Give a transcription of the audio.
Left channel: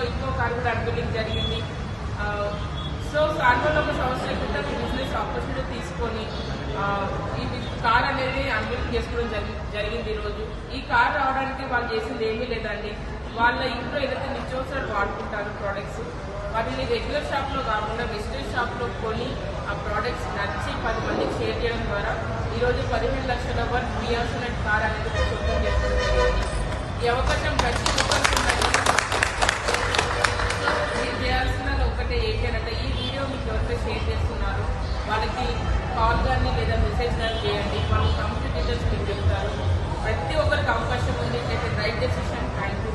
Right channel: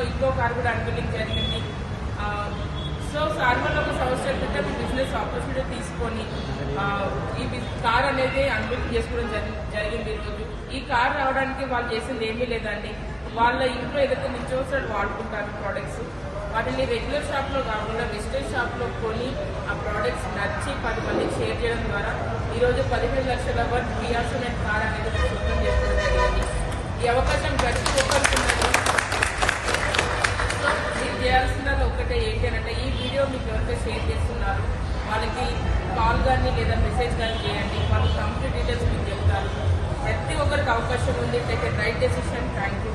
లో ఇంకో కార్ కూడా అన్బిల్లింగ్ జరిగింది. సో కార్బన్ ఒక సంవత్సరం క్రితం బిజినెస్ ఆపర్చునిటీ తీసుకొని ఈ కార్ అనేది అన్బిల్లింగ్ చేసుకోవడం జరిగింది. ఈరోజు ఈ కార్ రావడానికి వాళ్ళు చేసింది ఏమీ లేదండి. వాళ్ళ ఇంట్లో ఏదైతే నిత్యావసరాలు వాడుకుంటారో ప్రోడక్ట్స్, వాటిని రెగ్యులర్ షాప్ లో కాకుండా వెజిటేజ్ షాప్ లో కొని ఆ ప్రోడక్ట్స్ నచ్చి 10 మందికి షేర్ చేయడం ద్వారా ఈరోజు 15 లక్షల వర్త్ బియాసోనెట్ కార్ అనేది సొంతం చేసుకోవడం జరిగింది. ఈ అవకాశం ప్రతి ఒక్కరికి ఉన్నది. సో మీరు చేయాల్సిందని ఒకటే ఏంటంటే ఈ వీడియో మీకు ఎవరైతే షేర్ చేస్తున్నారు వాళ్ళకి కాల్ కానీ లేదా మెసేజ్ కానీ చేయండి. వాళ్ళు కంప్లీట్ డీటెయిల్స్ మీకు చెప్తారు. ప్రతి ఒక్కరికి అవకాశం ఉంది. Take a right decision. Thank you.